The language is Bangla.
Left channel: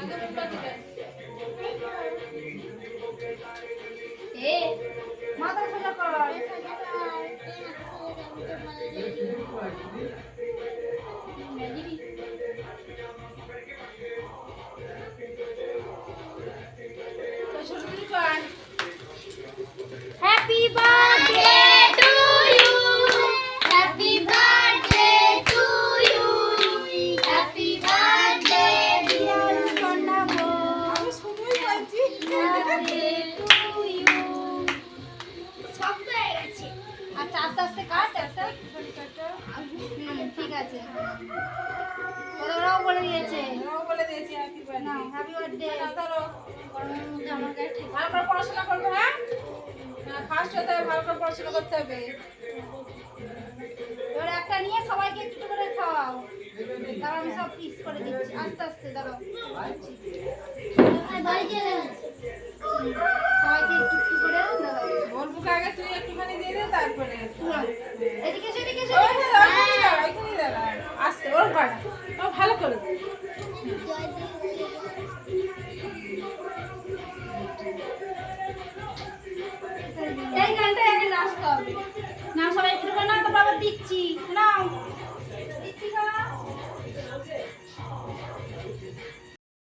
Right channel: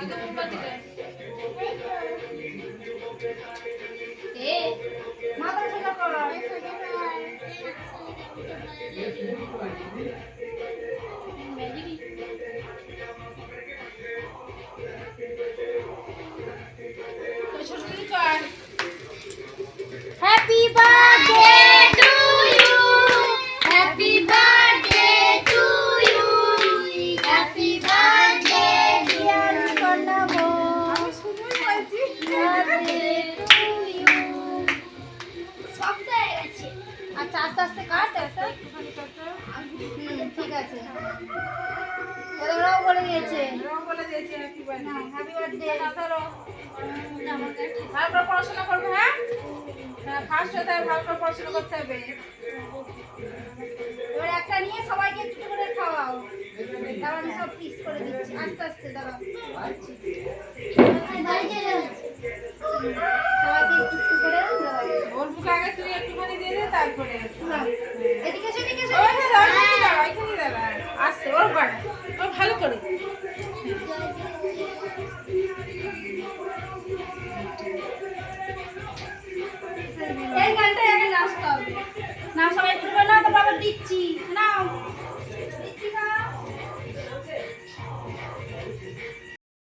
এ মাথা সোজা কর। Happy birthday to you, happy birthday to you, happy birthday dear Karnab, আমি শুনতে পাচ্ছি বার্থডে টু ইউ। শব্দ হয়ে গেছে। আচ্ছা আস্তে আস্তে কাট, আস্তে ঠিক আছে। ওরাও বলে দিয়েছে, হ্যাপি বার্থডে। ভালো করে পড়াশোনা করবে, হ্যাঁ ফার্স্ট হতে হবে, ভালো করে পড়াশোনা করতে হবে। এবার একটা নিয়ে সবাইকে একটু করে খাওয়াও, তারপর আমি সব পিস করে দিচ্ছি আস্তে আস্তে। দাঁড়াও সবাইকে একটু একটু করে বলবো, আগে তুই একটুখানি দিয়ে দে, তারপরে এদিকে